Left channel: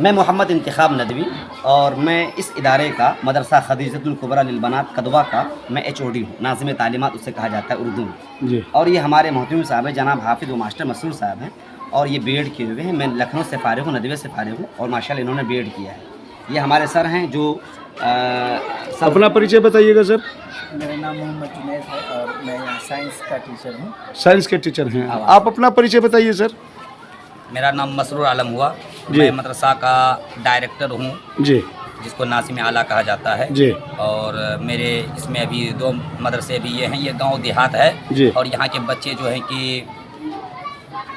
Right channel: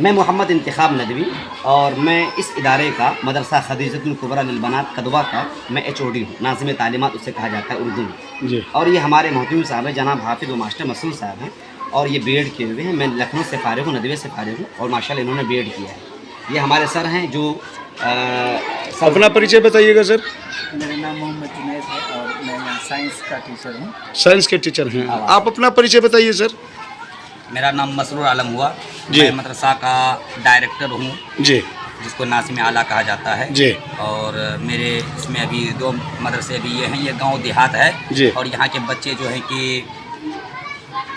मैं मोहम्मद इंतखाब नदवी और मैं इस इदारे का मदरसा खदीजतुल कुबरा लिल बनात कदवा का मैं HOD हूँ। नाज़िम तालीमात उससे कहा जाता है उर्दू में जी। और ये हमारे मोहतमिम साहब हैं जनाब हाफिज़ व मास्टर मसरूर साहब हैं और ये B.Ed किए हुए हैं। मैं लखनऊ से फ़ारिग हूँ, नदवे से फ़ारिग हूँ और माशाल्लाह इन्होंने B.Ed किया है। ये हमारे सर हैं जो अपना परिचय बताइएगा सर। मेरा नाम मोहम्मद जुनैद है और मैं यहाँ साइंस का टीचर हूँ। साइंस के टीचर हैं आप, अपना परिचय बताइए सर। मेरा नाम मसरूर आलम हुआ, जी। मैं मदरसा का डायरेक्टर हूँ जी जिसको नाज़िम आला कहा जाता है जी। और मेरे इसमें अभी 2 मदरसे भी ये हैं। ये गांव देहात है जी। और यहाँ के बच्चे जो हैं कि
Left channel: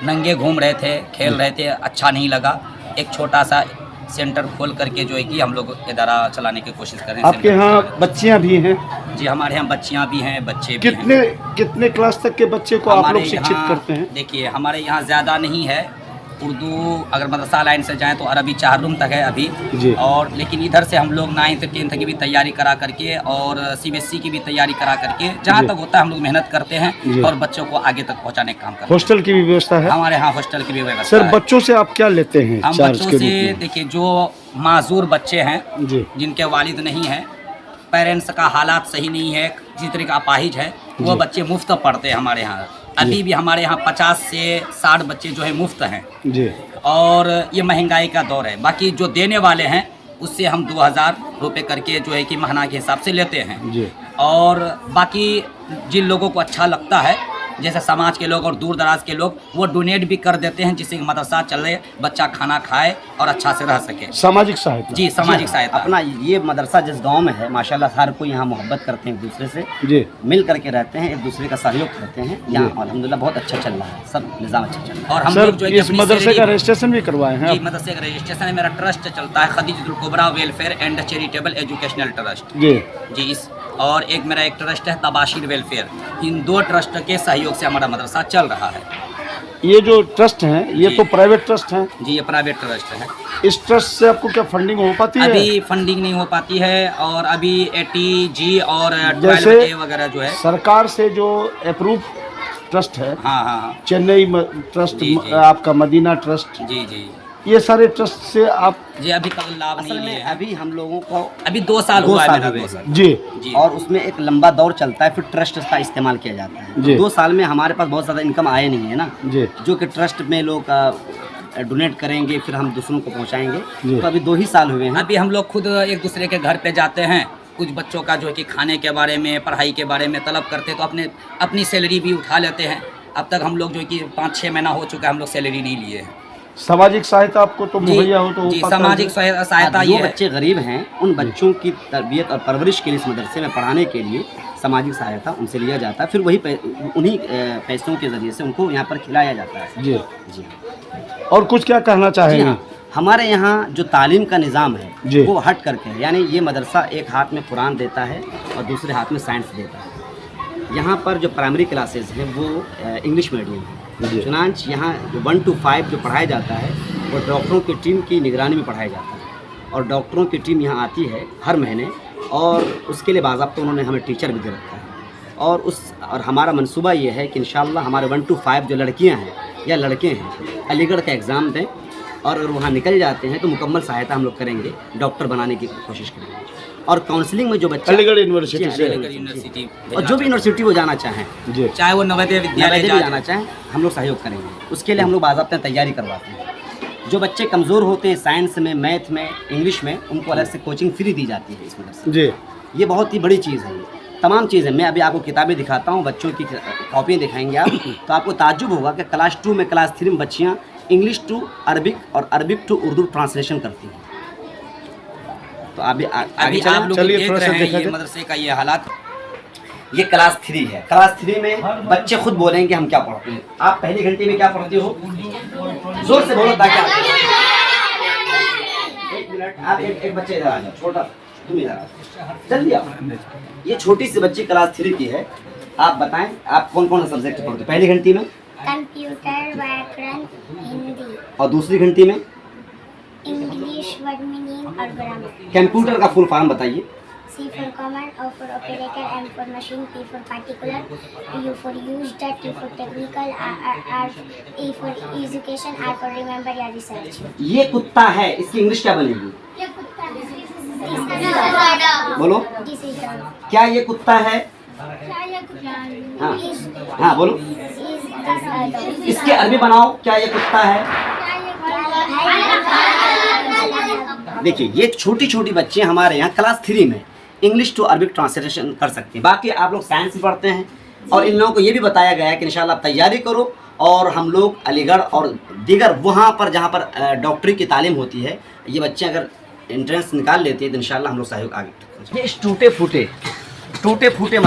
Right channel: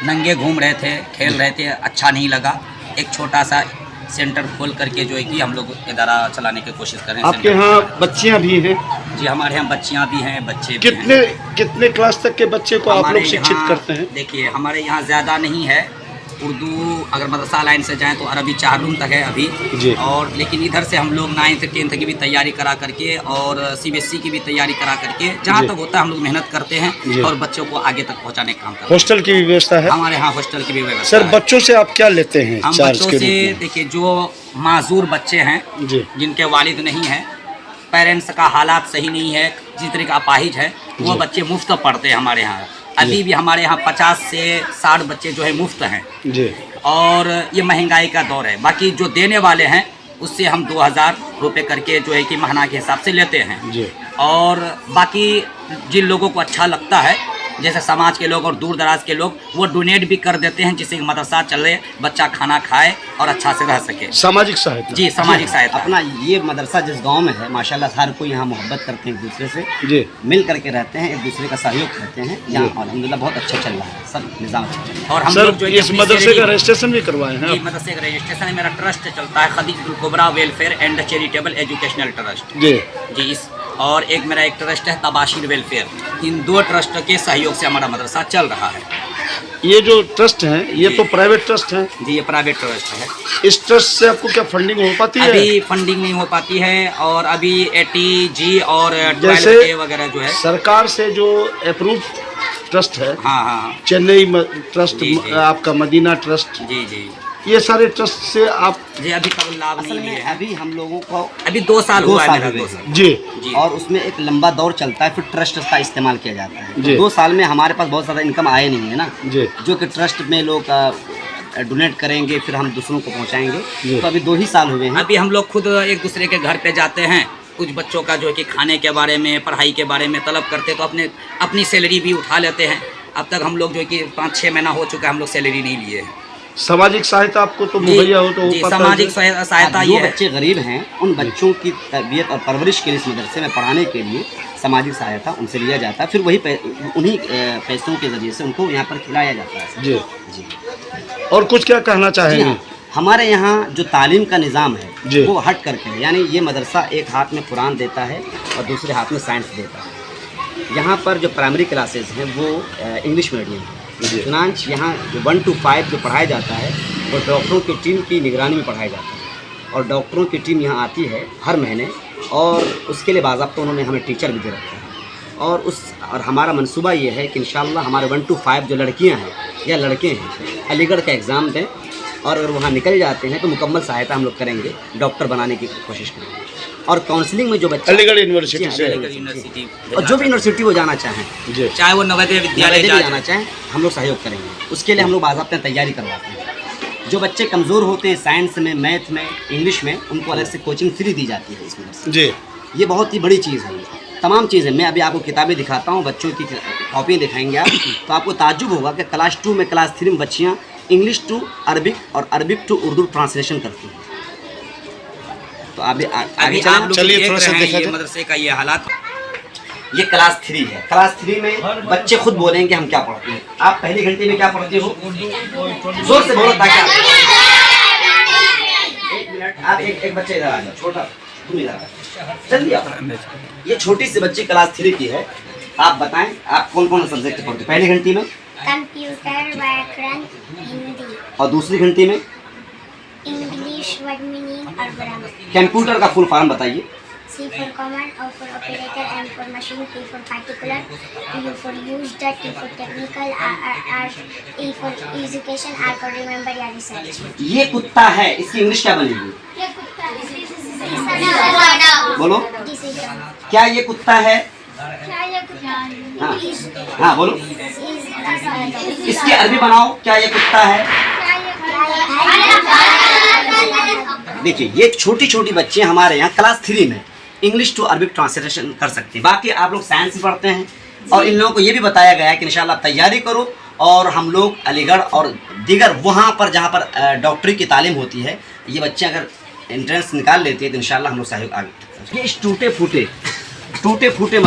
नंगे घूम रहे थे, खेल रहे थे, अच्छा नहीं लगा। एक छोटा सा सेंटर खोल करके जो है कि हम लोग इदारा चलाने की कोशिश कर रहे हैं। आपके यहाँ बच्चियाँ भी हैं? जी, हमारे यहाँ बच्चियाँ भी हैं, बच्चे भी कितने हैं। कितने क्लास तक के बच्चे को आप लोग शिक्षित करते हैं? देखिए, हमारे यहाँ ज़्यादा नहीं है। उर्दू अगर मदरसा लाइन से जाएं तो अरबी 4 रूम तक है अभी जी। और लेकिन इधर से हम लोग 9th 10th की भी तैयारी करा करके और CBSE की भी तैयारी करा करके जहाँ जी। तक होता है हम लोग मेहनत करते जी। हैं और बच्चों को आगे तक पहुँचाने का काम करते हैं। हॉस्टल की भी व्यवस्था है? हमारे यहाँ हॉस्टल की भी व्यवस्था सर है। बच्चों से आप क्या लेते हैं हम चार्ज बच्चों के से रूप में? देखिए, जो माजूर बच्चे हैं जी जिनके वालिद नहीं हैं, पेरेंट्स का हालात सही नहीं है, जिस तरह का अपाहिज है, वो जी। बच्चे मुफ्त पढ़ते हैं हमारे यहाँ। अभी भी हमारे यहाँ 50 से 60 बच्चे जो है मुफ्त हैं जी। और ये महंगाई का दौर है। बाकी जो देने वाले हैं उससे हम 2000 रुपये करके जो है कि महीना के हिसाब से लेते हैं जी। और बाकी जिन लोगों को अच्छा लगता है जैसे समाज के लोग और दूर दराज के लोग वो डोनेट भी कर देते हैं जिससे कि मदरसा चले, बच्चा खाना खाए और अच्छा से रह सके। सामाजिक सहायता? जी, सामाजिक सहायता। अपना ये मदरसा जिस गांव में है माशाल्लाह हर कोई यहाँ मोहब्बत करते हैं, एक दूसरे से जी। मिल करके रहते हैं, एक दूसरे का सहयोग करते हैं। यहाँ अल्हम्दुलिल्लाह बहुत अच्छा चल रहा है, सब निज़ाम अच्छा चल रहा है। और हम सर लोग जो है कि इस अपनी मदरसे का सैलरी- रजिस्ट्रेशन भी करवाए हैं जी, आप? मदरसे का रजिस्ट्रेशन है, मेरा ट्रस्ट चलता है Khadijatul Kubra welfare and charitable educational trust जी जी। इस और एक मेरा एक ट्रस्ट है तबाशीर वेलफेयर। इन 2 ट्रस्ट के सहयोग से हमारा मदरसा चल रहा है। ये जो ट्रस्ट हैं ये जी। तो प्राइवेट ट्रस्ट हैं? जी, ये प्राइवेट ट्रस्ट है। इस ट्रस्ट से आपको क्या फंडिंग हो पाती है? अभी फंडिंग नहीं हो पाती है और अभी 80G और जैसे 12A वगैरह जो है। सरकार से जो अप्रूव ट्रस्ट है, हाँ हाँ हाँ। चेन्नई ट्रस्ट, जी, जी। आपका मदीना ट्रस्ट, जी जी ये सारे ट्रस्ट से आप? जी, अभी तक लाभ असल नहीं में लिए हैं। अभी हम लोगों को अभी 2 साल 2 हुआ है साल मेरा, हुए 2 हैं। साल। जी जी और उसमें एक लंबा दौर चलता है, फिर ट्रस्ट का इस्तेमाल किया जाता है। जी। तो 2 साल में हमारे पास बहुत ज़्यादा इनकम आए नहीं है ना, जी जो कि ट्रस्ट में लोग डोनेट करेंगे फिर हम दूसरों को जी। पहुंचाएंगे। तो अभी 2 ही साल हुए हैं। अभी हम लोग खुद एक दूसरे के घर पे जाते हैं, कुछ बच्चों का जो है कि खाने के बारे में, पढ़ाई के बारे में तलब करते हैं तो अपनी सैलरी भी उठा लेते हैं। अब तक हम लोग जो है कि 5-6 महीना हो चुका है हम लोग सैलरी नहीं लिए हैं। सामाजिक सहायता आपको तो जी, मुहैया हो तो जी, पता है। सामाजिक सहायता जो ये है। बच्चे गरीब हैं उन बच्चों की तरबियत और परवरिश के लिए इस मदरसे में पढ़ाने के लिए सामाजिक सहायता उनसे लिया जाता है, फिर वही उन्हीं पैसों के ज़रिए से उनको यहाँ पर खिलाया जाता है। जी। जी और कुछ क्या कहना जी चाहेंगे? हाँ, हमारे यहाँ जो तालीम का निज़ाम जी। है वो हट करके है, यानी ये मदरसा एक हाथ में कुरान देता है और दूसरे हाथ में साइंस देता है। यहाँ पर जो प्राइमरी क्लासेस हैं वो इंग्लिश मीडियम जी। है। चुनांच यहाँ जो 1 to 5 जो पढ़ाया जाता है वो डॉक्टरों की टीम की निगरानी में पढ़ाया जाता है और डॉक्टरों की टीम यहाँ आती है हर महीने और उसके लिए बाज़ाब्ता उन्होंने हमें टीचर भी दे रखा है। और हमारा मंसूबा ये है कि इंशाअल्लाह हमारे 1 to 5 जो लड़कियाँ हैं या लड़के हैं अलीगढ़ का एग्ज़ाम दें और अगर वहाँ निकल जाते हैं तो मुकम्मल सहायता हम लोग करेंगे, डॉक्टर बनाने की कोशिश करेंगे। और काउंसलिंग में जो बच्चे अलीगढ़ यूनिवर्सिटी से? यूनिवर्सिटी और जो भी यूनिवर्सिटी वो जाना चाहें, जी। चाहे वो नवोदय विद्यालय नवोदय भी जाना जाए। चाहें, हम लोग सहयोग करेंगे। उसके लिए हम लोग बाज़ाब्ता तैयारी करवाते हैं। जो बच्चे कमज़ोर होते हैं साइंस में, मैथ में, इंग्लिश में, उनको अलग से कोचिंग फ्री दी जाती है इस मदरसे में। जी। ये बहुत ही बड़ी चीज़ है। ये तमाम चीज़ें मैं अभी आपको किताबें दिखाता हूँ, बच्चों की कॉपियाँ दिखाएंगे आप तो आपको ताज्जुब होगा कि क्लास 2 में, क्लास 3 में बच्चियाँ इंग्लिश टू अरबिक और अरबिक टू उर्दू ट्रांसलेशन करती हैं। तो अभी आगे अभी आप लोग चलिए देख थोड़ा सा रहे हैं दिखा ये दो। मदरसे का ये हालात। ये क्लास 3 है। क्लास 3 में बच्चे खुद बोलेंगे हम क्या पढ़ते हैं। आप पहली घंटे में क्या पढ़ते हो? जोर से बोलो ताकि एक मिनट आप एक बच्चे इधर आ जाओ, छोटा तुम इधर आ जाओ, जल्दी आप। ये छोटी सी बच्ची क्लास 3 की है। आप बताएं आप कौन कौन सा सब्जेक्ट पढ़ते हो पहली घंटी में? कंप्यूटर, व्याकरण, हिंदी, और दूसरी घंटी में? इंग्लिश, वर्ड मीनिंग और ग्रामर। कंप्यूटर का फुल फॉर्म बताइए। C for common, O for operator, M for machine, P for particular, U for used, T for technical, R E for education, R for remember या research. ये कुत्ता है, इसकी English क्या बनेगी? ये कुत्ता है। बोलो, Decision. क्या ये कुत्ता है? क्या ये कुत्ता है? हाँ हाँ बोलो, Is इसकी अरबी बनाओ, क्या ये कुत्ता है? देखिए, ये छोटी छोटी बच्चे हमारे यहाँ क्लास 3 में इंग्लिश टू अरबिक ट्रांसलेशन कर सकते हैं। बाकी आप लोग साइंस भी पढ़ते हैं और इन लोगों को ये भी बताया गया है कि इंशाल्लाह तैयारी करो और हम लोग अलीगढ़ और दीगर वहाँ पर जहाँ पर डॉक्टरी की तालीम होती है, ये बच्चे अगर एंट्रेंस निकाल लेते हैं तो इंशाल्लाह हम लोग सहयोग आगे। ये इस टूटे फूटे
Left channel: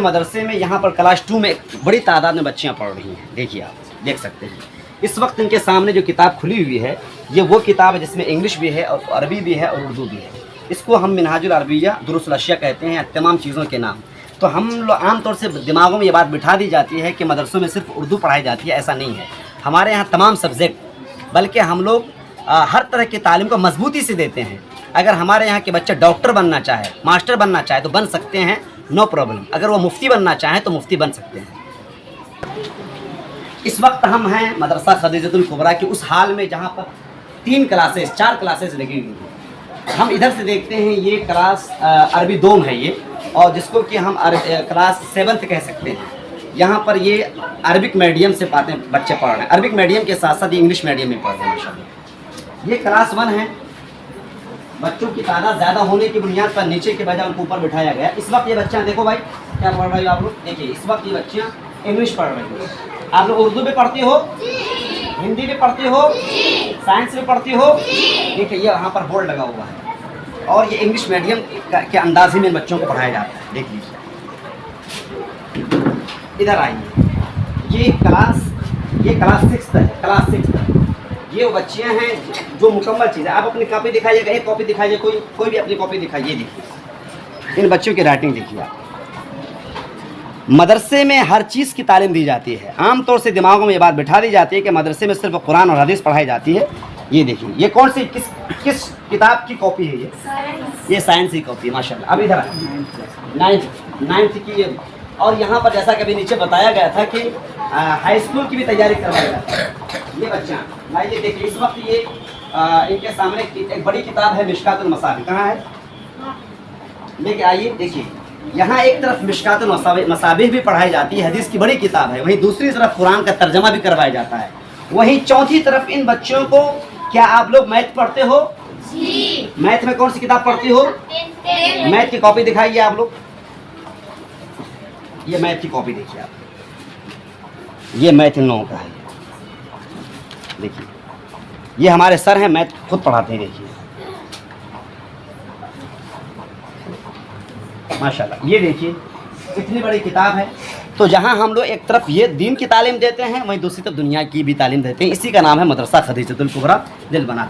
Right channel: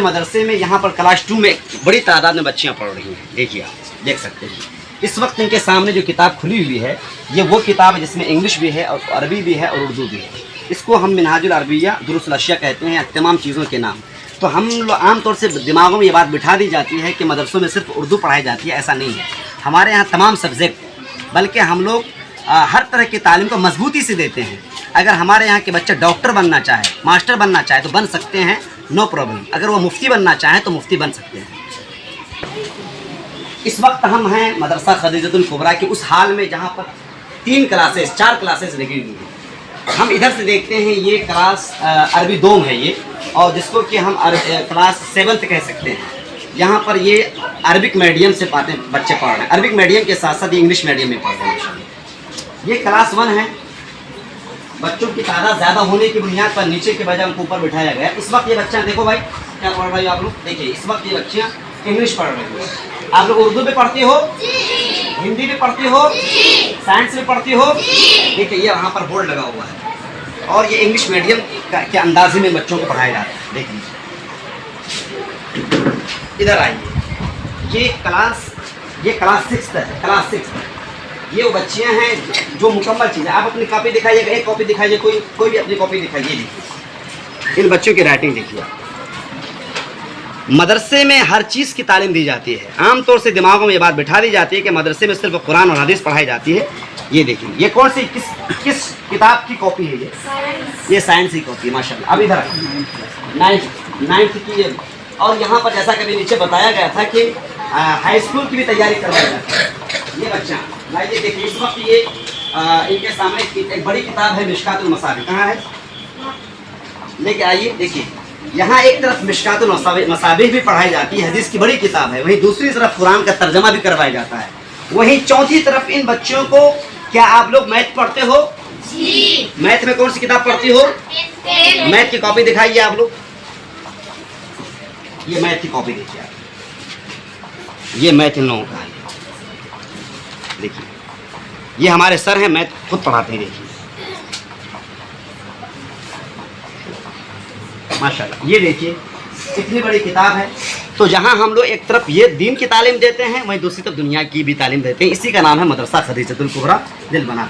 मदरसे में यहाँ पर क्लास 2 में बड़ी तादाद में बच्चियाँ पढ़ रही हैं। देखिए, आप देख सकते हैं इस वक्त इनके सामने जो किताब खुली हुई है, ये वो किताब है जिसमें इंग्लिश भी है और अरबी भी है और उर्दू भी है। इसको हम मिनहाजुल अरबिया दुरुस्त अशिया कहते हैं, तमाम चीज़ों के नाम। तो हम लोग आमतौर से दिमागों में ये बात बिठा दी जाती है कि मदरसों में सिर्फ उर्दू पढ़ाई जाती है। ऐसा नहीं है, हमारे यहाँ तमाम सब्जेक्ट, बल्कि हम लोग हर तरह की तालीम को मजबूती से देते हैं। अगर हमारे यहाँ के बच्चे डॉक्टर बनना चाहे, मास्टर बनना चाहे तो बन सकते हैं, नो प्रॉब्लम। अगर वो मुफ्ती बनना चाहें तो मुफ्ती बन सकते हैं। इस वक्त हम हैं मदरसा खदीजतुल कुबरा के उस हाल में जहाँ पर 4 क्लासेस लगी हुई हैं। हम इधर से देखते हैं, ये क्लास अरबी 2 है ये, और जिसको कि हम क्लास 7th कह सकते हैं। यहाँ पर ये अरबिक मीडियम से बच्चे पढ़ रहे हैं। अरबिक मीडियम के साथ साथ ये इंग्लिश मीडियम में पढ़ रहे हैं माशाल्लाह। ये क्लास 1 है। बच्चों की तादाद ज़्यादा होने की बुनियाद पर नीचे के बजाय उनको ऊपर बिठाया गया। इस वक्त ये बच्चा, देखो भाई क्या पढ़ रही हो आप लोग, देखिए इस वक्त ये बच्चियाँ इंग्लिश पढ़ रही हो। आप लोग उर्दू भी पढ़ती हो, हिंदी भी पढ़ती हो, साइंस भी पढ़ती हो। देखिए ये वहाँ पर बोर्ड लगा हुआ है और ये इंग्लिश मीडियम के अंदाजे में बच्चों को पढ़ाया जाता है। देख लीजिए, इधर आइए, ये क्लास 6 है। क्लास 6 है। ये वो बच्चियाँ हैं जो मुकम्मल चीज़ है। आप अपनी कॉपी दिखाइएगा, एक कॉपी दिखाइए, कोई भी अपनी कॉपी दिखाइए। देखिए इन बच्चों की राइटिंग देखिए आप। मदरसे में हर चीज़ की तालीम दी जाती है। आमतौर से दिमागों में ये बात बिठा दी जाती है कि मदरसे में सिर्फ कुरान और हदीस पढ़ाई जाती है। ये देखिए, ये कौन सी किस किताब की कॉपी है? ये साइंस की कॉपी है माशाल्लाह। अब इधर आइए, 9th की ये। और यहाँ पर जैसा कभी नीचे बताया गया था कि हाई स्कूल की भी तैयारी करवाई जाती है। ये बच्चा लाइए, देखिए इस वक्त ये इनके सामने एक बड़ी किताब है मिशकातुल मसाबिह। कहाँ है? लेके आइए। देखिए यहाँ एक तरफ मिशकातुल मसाबिह भी पढ़ाई जाती है, हदीस की बड़ी किताब है। वहीं दूसरी तरफ कुरान का तर्जमा भी करवाया जाता है। वहीं चौथी तरफ इन बच्चों को, क्या आप लोग मैथ पढ़ते हो? जी। मैथ में कौन सी किताब पढ़ती हो? मैथ की कॉपी दिखाइए आप लोग। ये मैथ की कॉपी देखिए आप, ये मैथ इन लोगों का है। देखिए ये हमारे सर हैं, मैथ खुद पढ़ाते हैं। देखिए माशाल्लाह, ये देखिए इतनी बड़ी किताब है। तो जहाँ हम लोग एक तरफ ये दीन की तालीम देते हैं, वहीं दूसरी तरफ दुनिया की भी तालीम देते हैं। इसी का नाम है मदरसा खदीजतुल कुबरा दिल बना।